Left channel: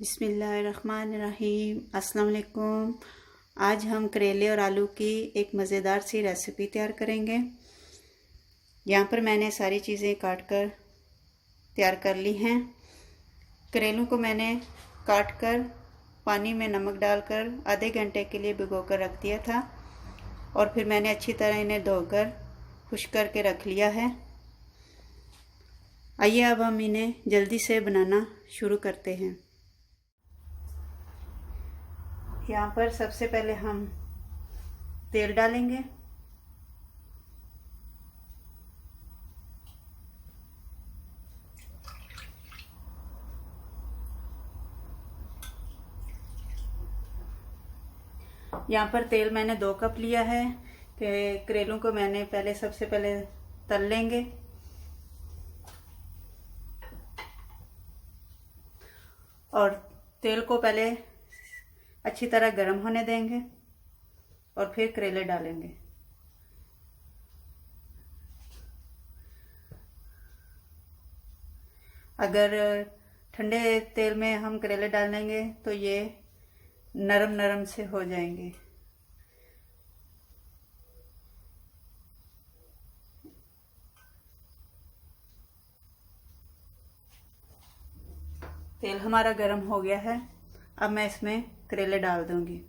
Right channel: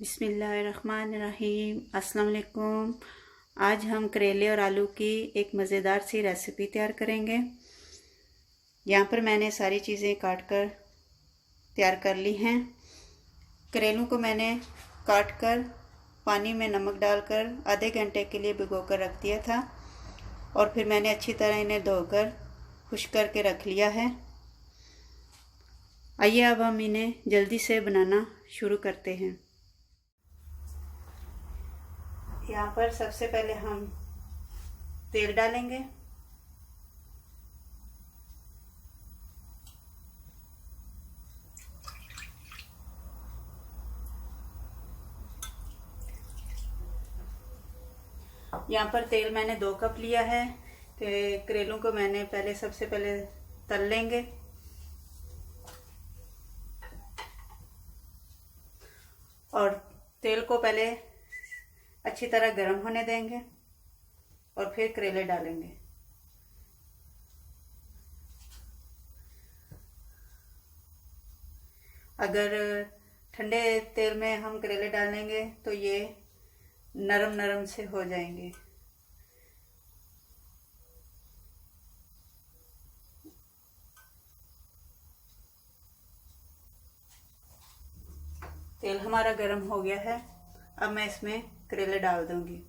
बिस्मिल्लाहिर्रहमानिर्रहीम। अस्सलाम वालेकुम। आज हम करेले और आलू की एक मज़ेदार सी रेसिपी तैयार करेंगे। यहाँ पर मैंने सारी चीज़ें काट कर तैयार कर ली हैं। करेलों को मैंने काट कर पानी में नमक डालकर आधे घंटे के लिए भिगो कर रख दिया था और फिर मैंने अच्छी तरह इन्हें धोकर खुश्क करके रख लिया है। आइए अब हम इन्हें जल्दी से बनाना शुरू करते हैं। यहाँ पर सबसे पहले हम तेल डालेंगे। यहाँ पर तेल मैंने 2 कप लिया है। करेलों को मैंने सबसे पहले तल लेंगे और तेल को पहले अच्छी तरह गर्म होने देंगे और फिर करेले डालेंगे। अगर ठंडे तेल में हम करेले डालेंगे तो ये नरम नरम से हो जाएंगे। तेल हमारा गर्म हो गया है। अब मैं इसमें करेले डाल दूंगी।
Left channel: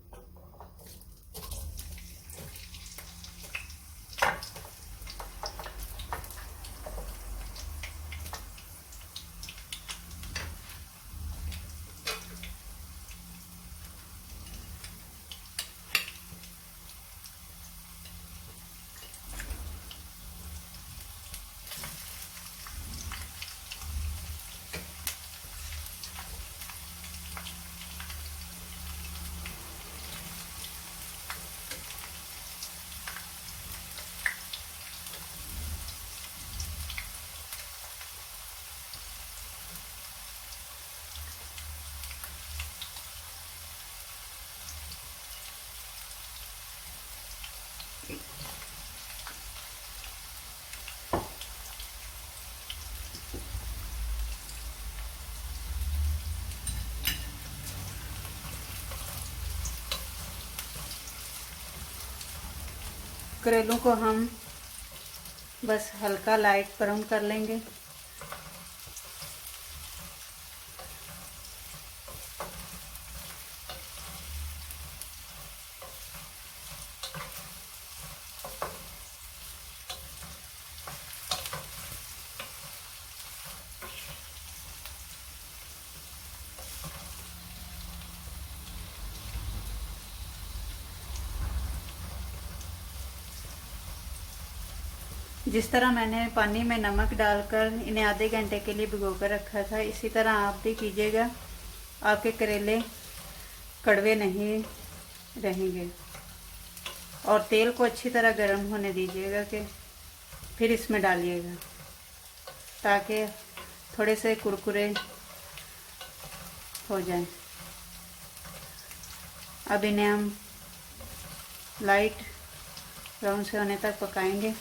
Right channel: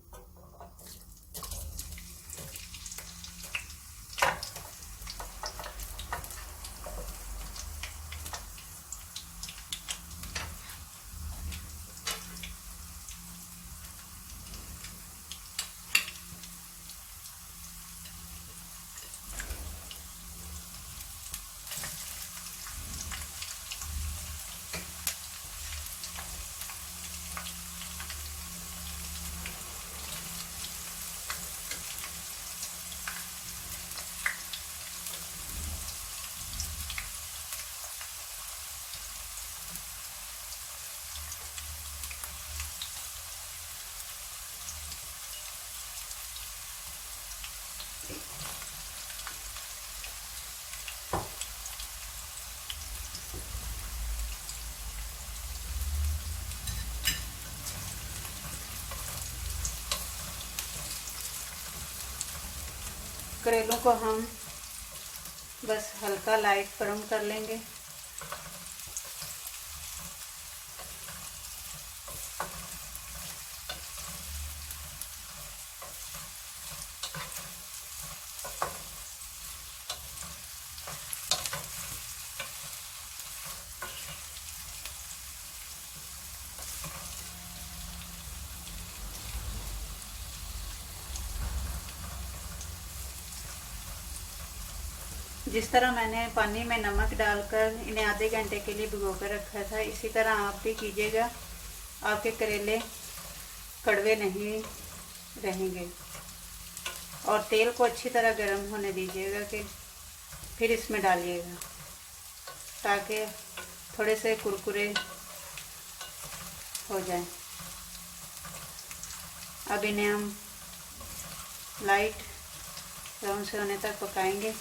करेलों को हम बस हल्का लाइट फ्राई कर लेंगे। जिस तरह मैंने पानी में नमक डालकर इन्हें आधे घंटे के लिए भिगो कर रखा था, इसी तरह आप भी कीजिएगा। आपके करेले कड़वे नहीं रहेंगे। और तेल को अच्छी तरह गर्म होने दीजिएगा कि फिर इसमें डालिएगा, ताकि थोड़े से कुरकुरे हो जाएं। अब इन्हें हम लाइट ब्राउन से होने तक पकाएंगे।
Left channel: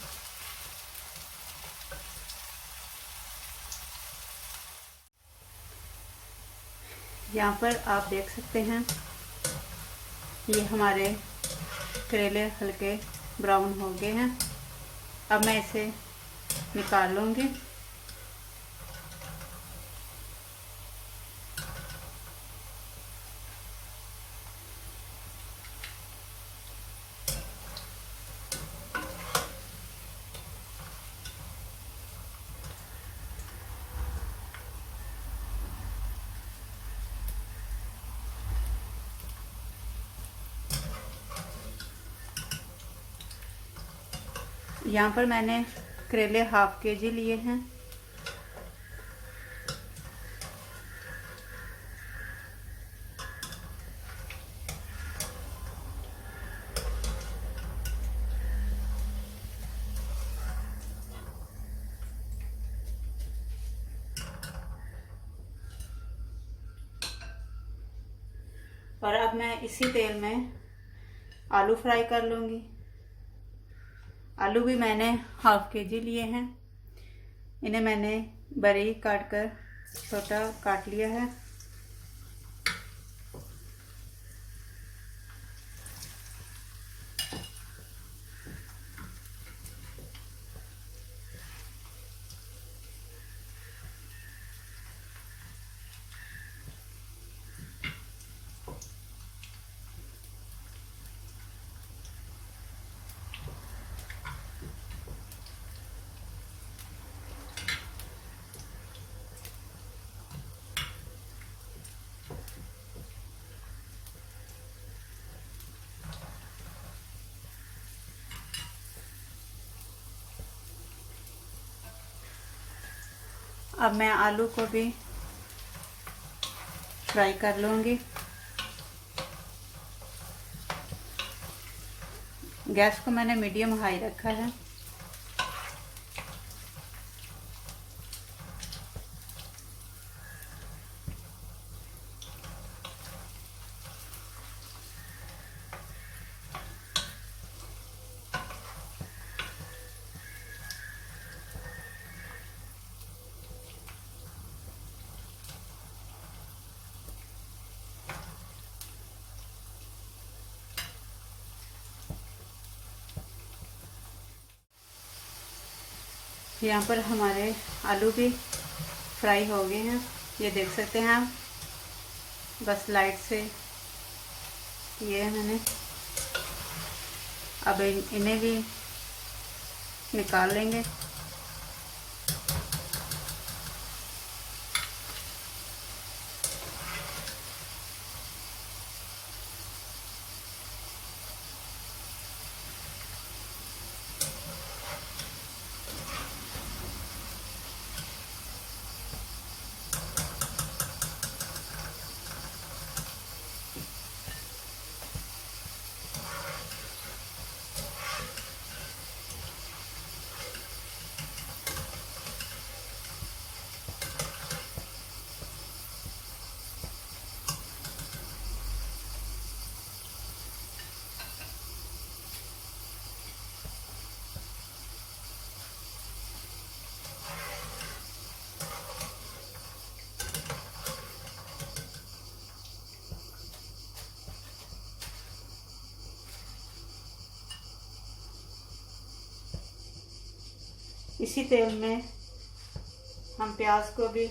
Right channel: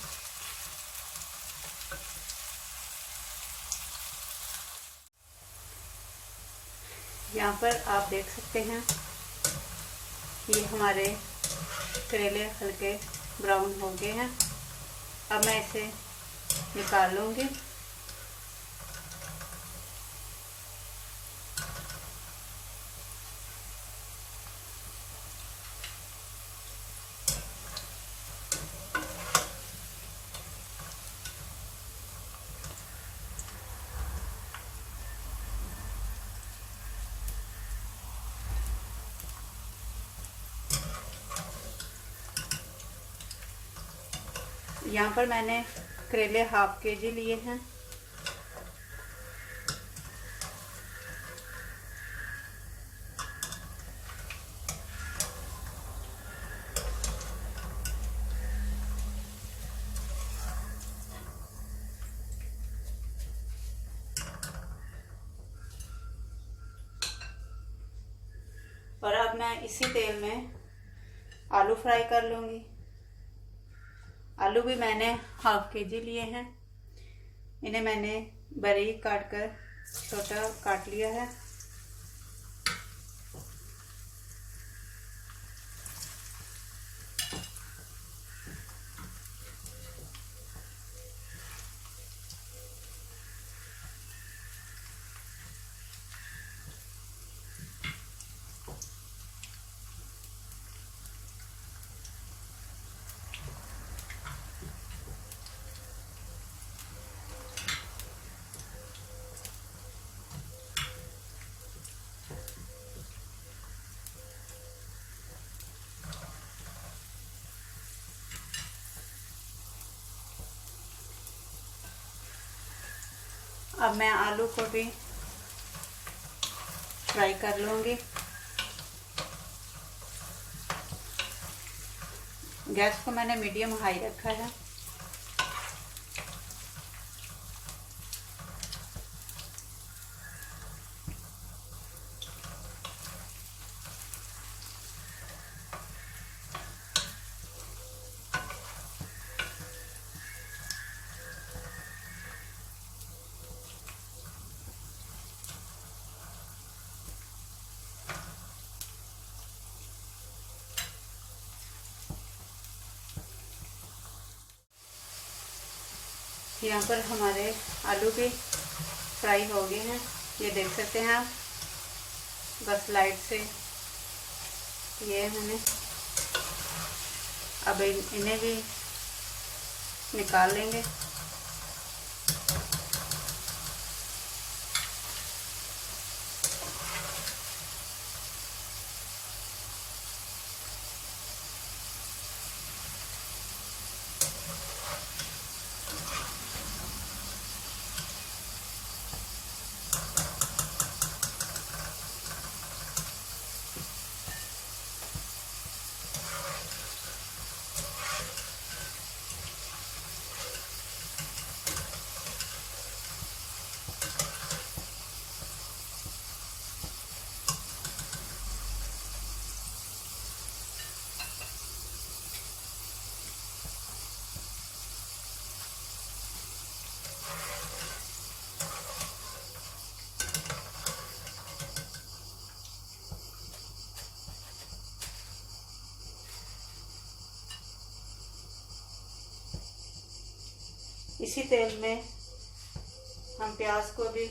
यहाँ पर आप देख सकते हैं ये हमारे करेले हल्के ब्राउन हो गए हैं। अब मैं इसे निकाल लूँगी। यहाँ पर मैंने करेले हाफ केजी लिए हैं। और अब मैं इसी तेल में आलू फ्राई कर लूँगी। आलू भी मैंने हाफ केजी लिए हैं। इन्हें मैंने बारीक काट कर छोटा काट लिया है। अब मैं आलू को भी फ्राई कर लूँगी। गैस को मैंने मीडियम हाई रखा है। यहाँ पर हमारे आलू भी फ्राई हो गए हैं, ये देख सकते हैं आप। बस लाइट से ये मैंने अब इन्हें भी निकाल लेंगे। इसी तेल में हम प्याज को भी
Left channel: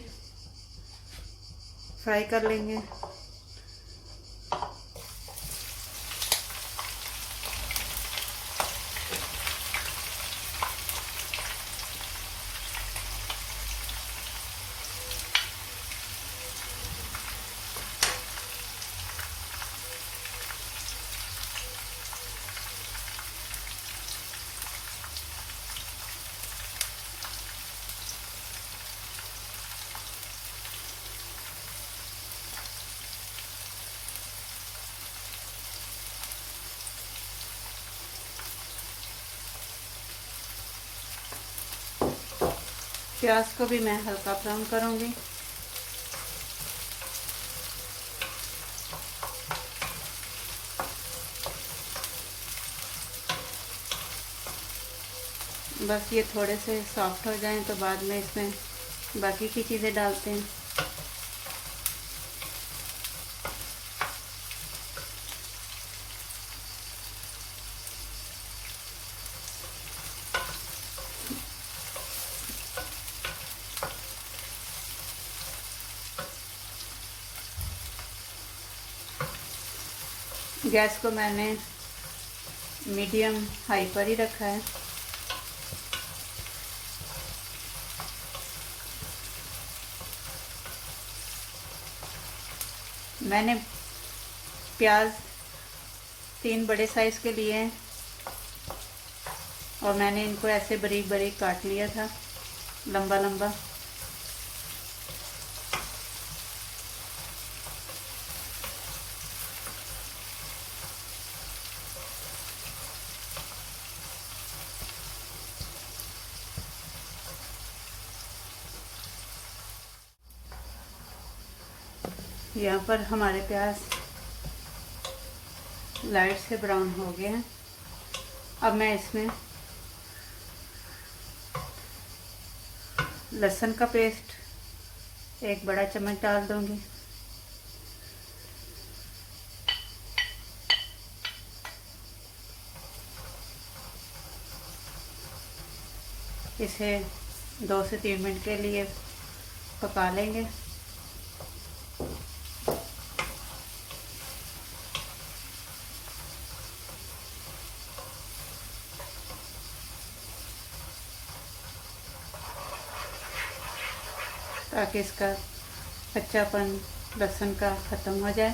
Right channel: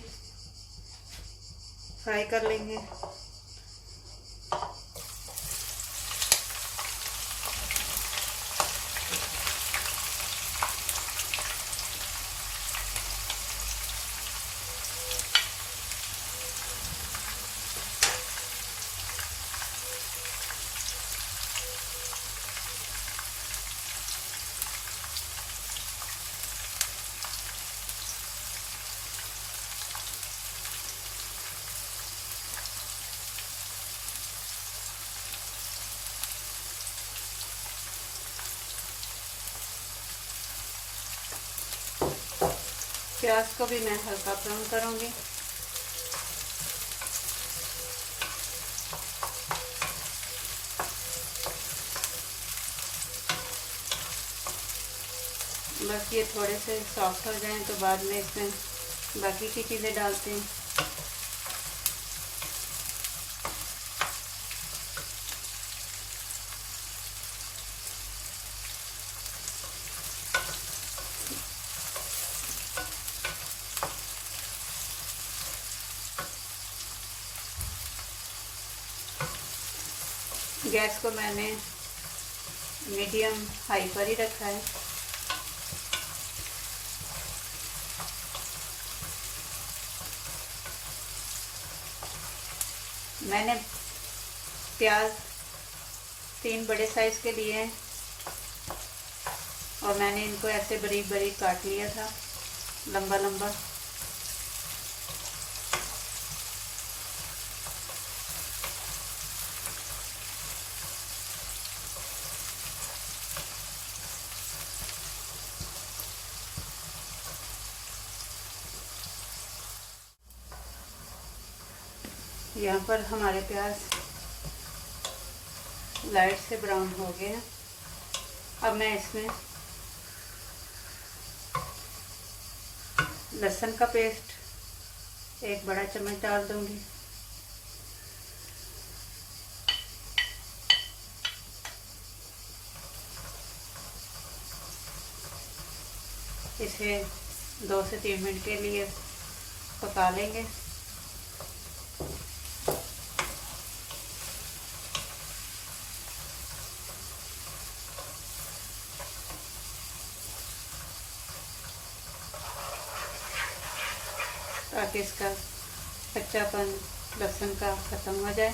फ्राई कर लेंगे। प्याज को भी मैं हल्का ब्राउन करूँगी। बस ये थोड़े से सॉफ्ट हो जाएं तो बाद में इसमें बाकी की चीज़ें डालते हैं। गैस को मैंने मीडियम हाई पर ही रखा है। मैंने प्याज 3 बड़े साइज़ के लिए हैं और मैंने इनको ऐसे बारीक बारीक काट लिया था, लंबा लंबा। यहाँ पर हमारे प्याज लाइट से ब्राउन हो गए हैं। अब मैं इसमें लहसुन का पेस्ट 1 बड़ा चम्मच डाल दूंगी। इसे 2 से 3 मिनट के लिए पका लेंगे। ताकि इसका कच्चापन लहसुन का ख़त्म हो जाए।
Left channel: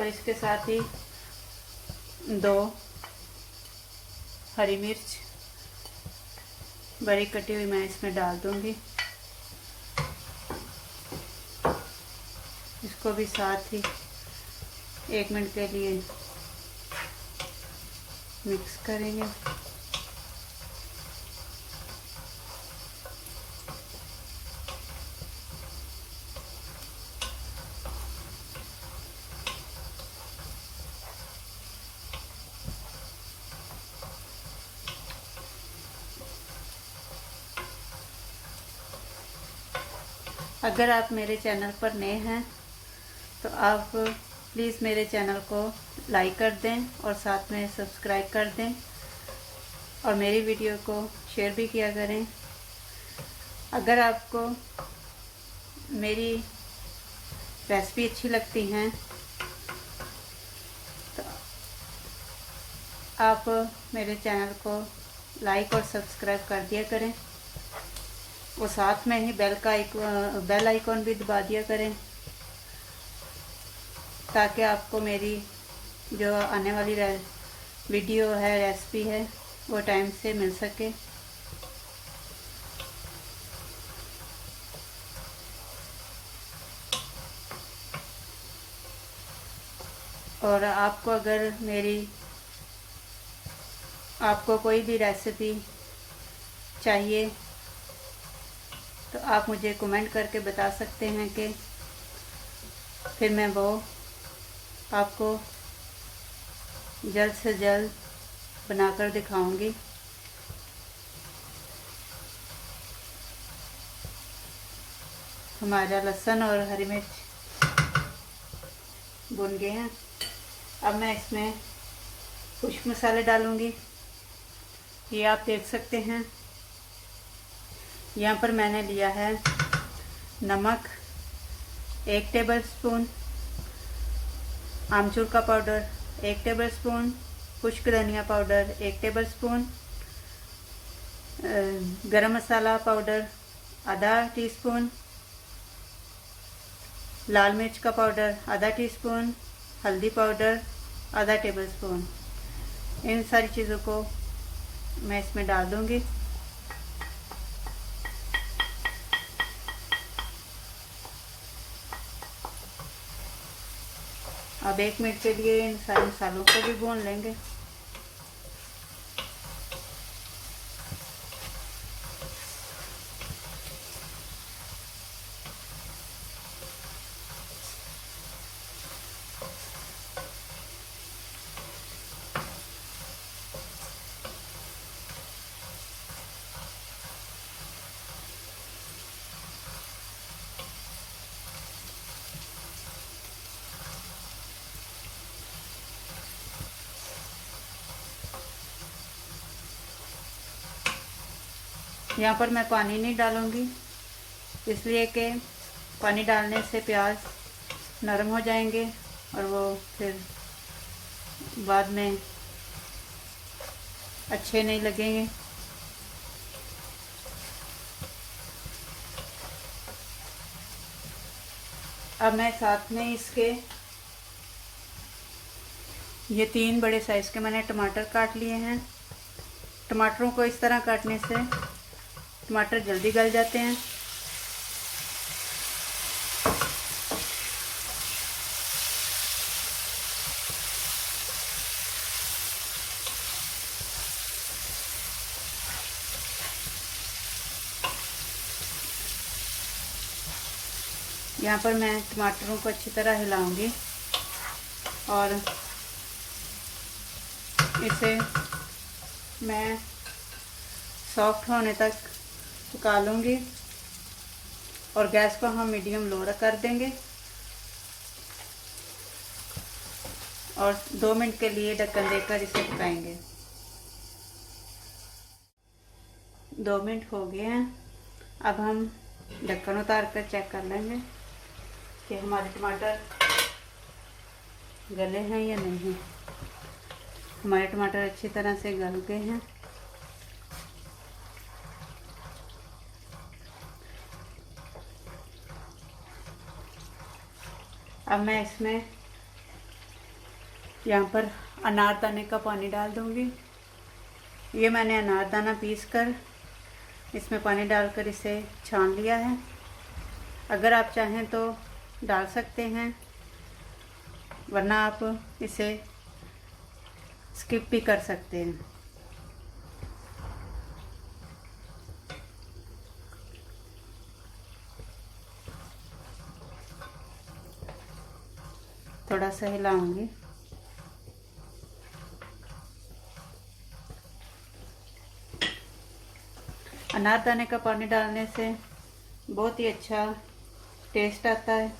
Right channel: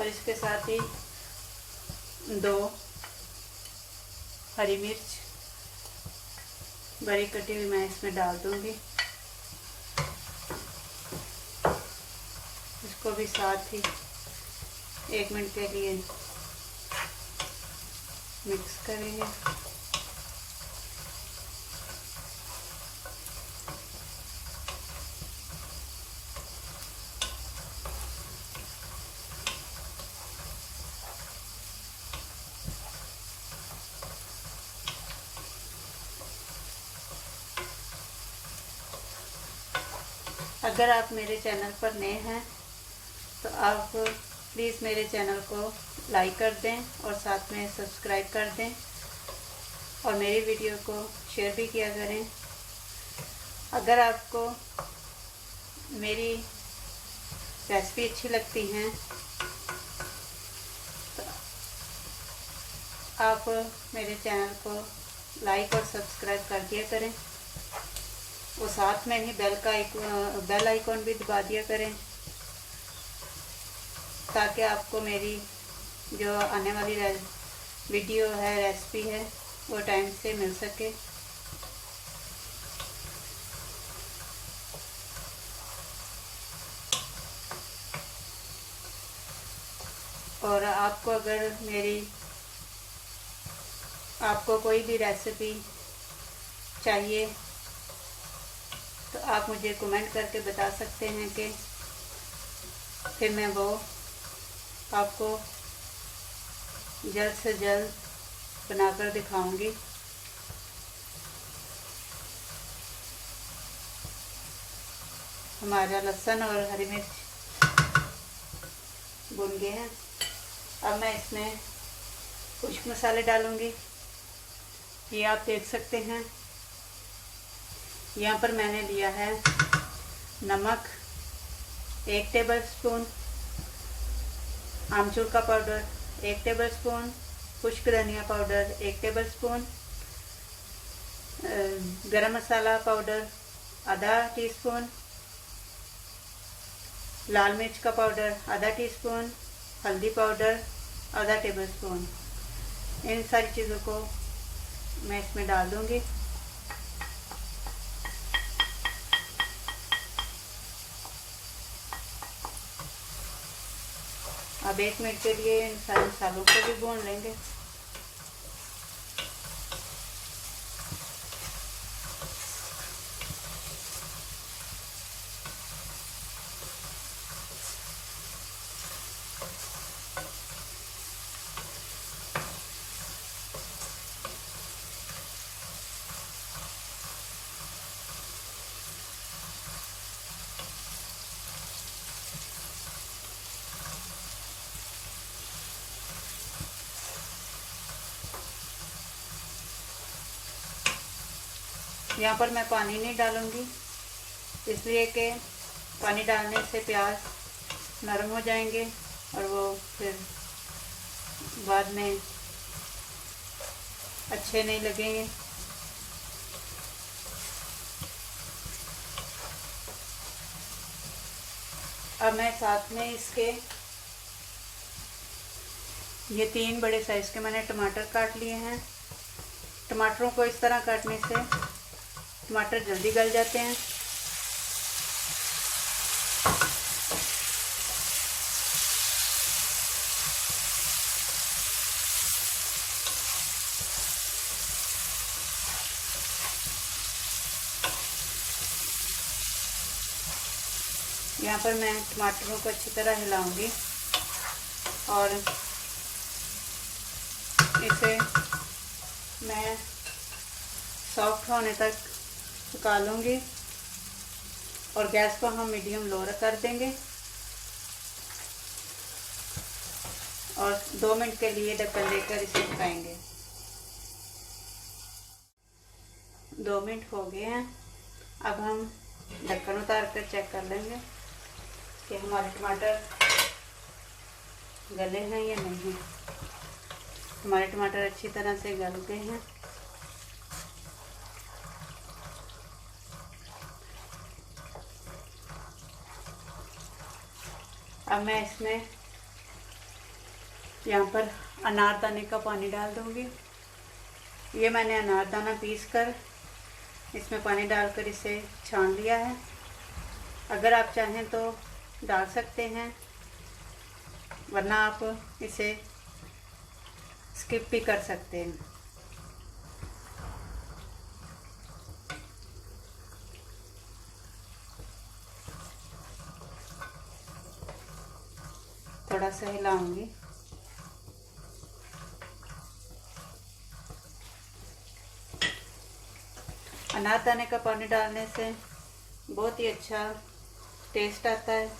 और इसके साथ ही 2 हरी मिर्च बड़ी कटी हुई मैं इसमें डाल दूंगी। इसको भी साथ ही 1 मिनट के लिए मिक्स करेंगे। अगर आप मेरे चैनल पर नए हैं तो आप प्लीज़ मेरे चैनल को लाइक कर दें और साथ में सब्सक्राइब कर दें और मेरी वीडियो को शेयर भी किया करें। अगर आपको मेरी रेसिपी अच्छी लगती हैं तो आप मेरे चैनल को लाइक और सब्सक्राइब कर दिया करें और साथ में ही बेल आइकॉन भी दबा दिया करें ताकि आपको मेरी जो आने वाली वीडियो है, रेसिपी है, वो टाइम से मिल सके। और आपको अगर आपको कोई भी रेसिपी चाहिए तो आप मुझे कमेंट करके बता सकते हैं कि फिर मैं वो आपको जल्द से जल्द बनाकर दिखाऊंगी। हमारा लहसुन और हरी मिर्च भुन गए हैं। अब मैं इसमें कुछ मसाले डालूंगी। ये आप देख सकते हैं, यहाँ पर मैंने लिया है नमक 1 टेबलस्पून, आमचूर का पाउडर 1 टेबलस्पून, खुश्क धनिया पाउडर 1 टेबलस्पून, गरम मसाला पाउडर आधा टीस्पून, लाल मिर्च का पाउडर आधा टीस्पून, हल्दी पाउडर आधा टेबलस्पून। इन सारी चीज़ों को मैं इसमें डाल दूंगी। अब 1 मिनट के लिए इन सारे मसालों को भी भून लेंगे। यहाँ पर मैं पानी नहीं डालूँगी, इसलिए कि पानी डालने से प्याज नरम हो जाएंगे और वो फिर बाद में अच्छे नहीं लगेंगे। अब मैं साथ में इसके ये 3 बड़े साइज़ के मैंने टमाटर काट लिए हैं। टमाटरों को इस तरह काटने से टमाटर जल्दी गल जाते हैं। यहाँ पर मैं टमाटरों को अच्छी तरह हिलाऊंगी और इसे मैं सॉफ्ट होने तक पका लूँगी और गैस को हम मीडियम लो कर देंगे और 2 मिनट के लिए ढक्कन देकर इसे पकाएंगे। 2 मिनट हो गए हैं। अब हम ढक्कन उतार कर चेक कर लेंगे कि हमारे टमाटर गले हैं या नहीं। हमारे टमाटर अच्छी तरह से गल गए हैं। अब मैं इसमें यहाँ पर अनारदाने का पानी डाल दूँगी। ये मैंने अनारदाना पीस कर इसमें पानी डालकर इसे छान लिया है। अगर आप चाहें तो डाल सकते हैं, वरना आप इसे स्किप भी कर सकते हैं। थोड़ा सा हिलाऊंगी। अनारदाने का पानी डालने से बहुत ही अच्छा टेस्ट आता है।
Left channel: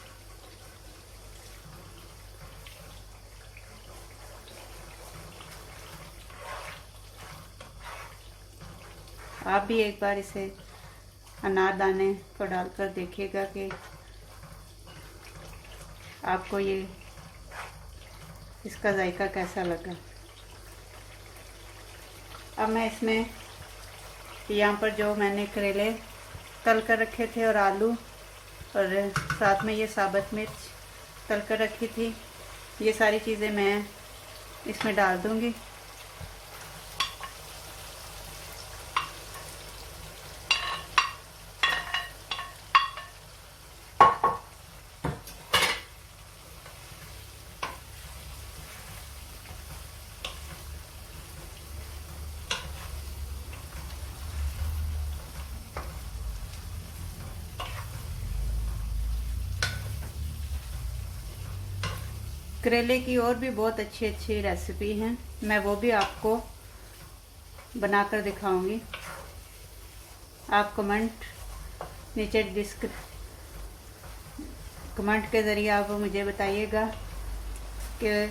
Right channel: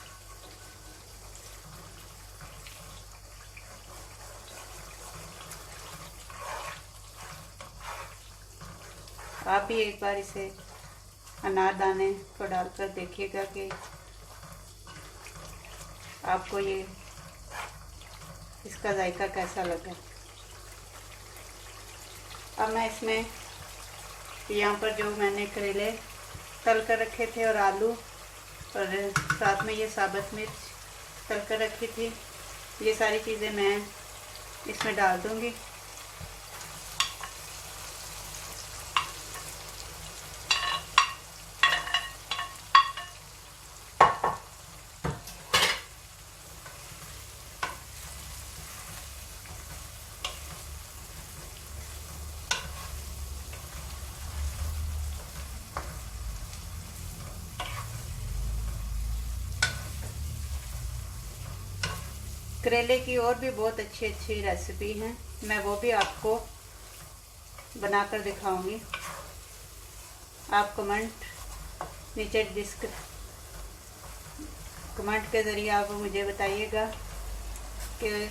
आप भी एक बार इसे अनारदाने को डालकर देखिएगा कि आपको ये इसका जायका कैसा लगा। अब मैं इसमें यहाँ पर जो मैंने करेले तल कर रखे थे और आलू और साथ में ये साबुत मिर्च तल कर रखी थी, ये सारी चीज़ें मैं इसमें डाल दूँगी। करेले की और भी बहुत अच्छी अच्छी रेसिपी हैं, मैं वो भी आपको बनाकर दिखाऊंगी। आप नीचे कमेंट के ज़रिए आप मुझे बताइएगा कि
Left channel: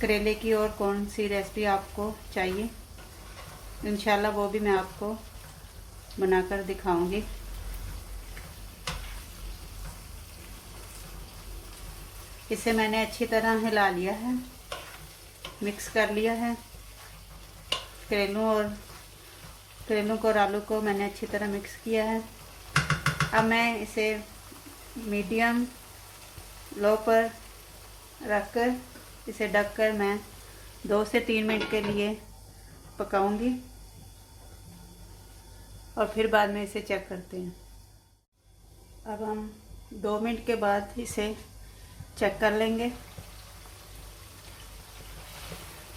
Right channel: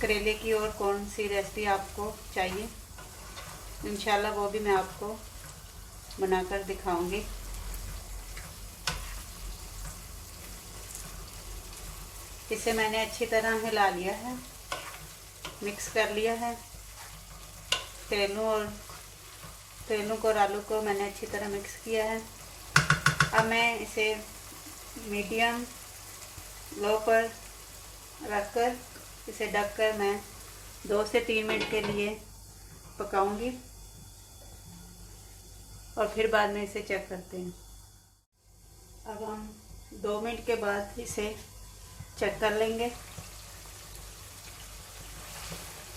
करेले की और कौन सी रेसिपी आपको चाहिए। इंशाल्लाह वो भी मैं आपको बनाकर दिखाऊंगी। इसे मैंने अच्छी तरह हिला लिया है, मिक्स कर लिया है। करेलों को और आलू को मैंने अच्छी तरह मिक्स किया है। अब मैं इसे मीडियम लो पर रखकर इसे ढककर मैं 2 से 3 मिनट के लिए पकाऊंगी और फिर बाद में इसे चेक करते हैं। अब हम 2 मिनट के बाद इसे चेक कर लेंगे।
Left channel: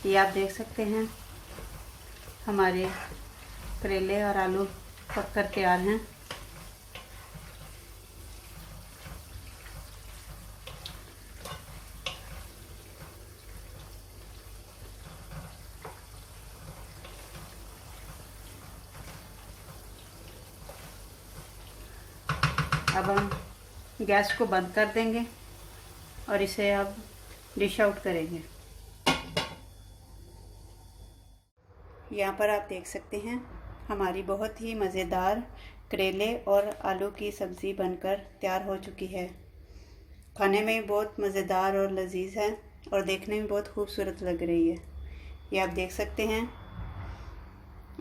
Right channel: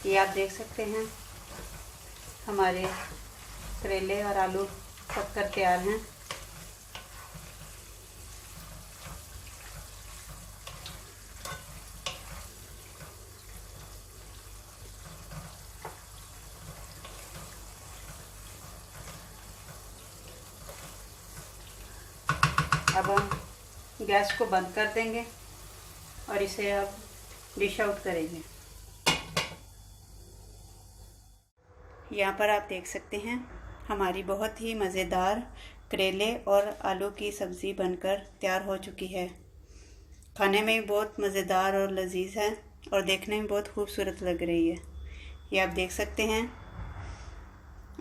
ये आप देख सकते हैं हमारे करेले और आलू पक कर तैयार हैं। अब हम गैस को बंद कर देंगे और इसे अब डिश आउट करेंगे। यहाँ पर आप देख सकते हैं हमारी बहुत ही मज़ेदार करेले और आलू की सब्ज़ी बनकर तैयार हो चुकी है। खाने में भी बहुत मज़ेदार और लजीज है और देखने में बहुत खूबसूरत लग रही है। ये आप देख सकते हैं।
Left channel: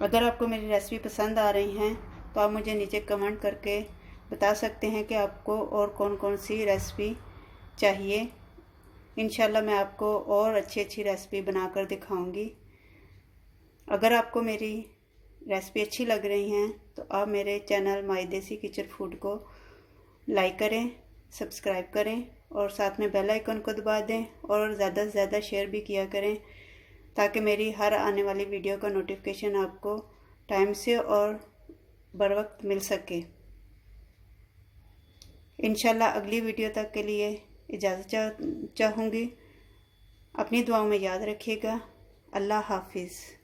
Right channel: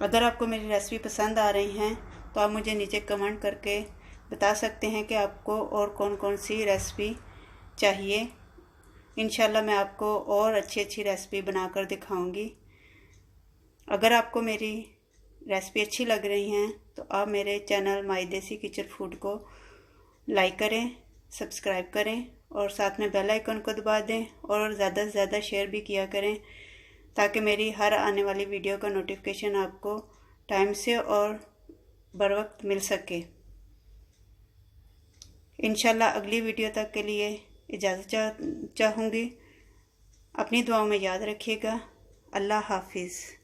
अगर आपको मेरी रेसिपी पसंद आ रही हैं तो आप मुझे नीचे कमेंट करके बता सकते हैं कि आपको और कौन कौन सी रेसिपी चाहिए। इंशाल्लाह मैं आपको और अच्छी अच्छी रेसिपी बनाकर दिखाऊंगी। अगर आपको मेरी रेसिपी अच्छी लग रही हैं तो आप मेरे चैनल माई देसी किचन फूड को लाइक करें, सब्सक्राइब करें और साथ में बेल आइकन को दबा दें और ज़्यादा से ज़्यादा शेयर भी किया करें, ताकि मेरी हर आने वाली वीडियो का नोटिफिकेशन आपको टाइम से और बर वक्त मिल सके। इंशाल्लाह अगली वीडियो तक के लिए इजाज़त चाहूँगी। अपनी दुआओं में याद रखिएगा। अल्लाह हाफिज़।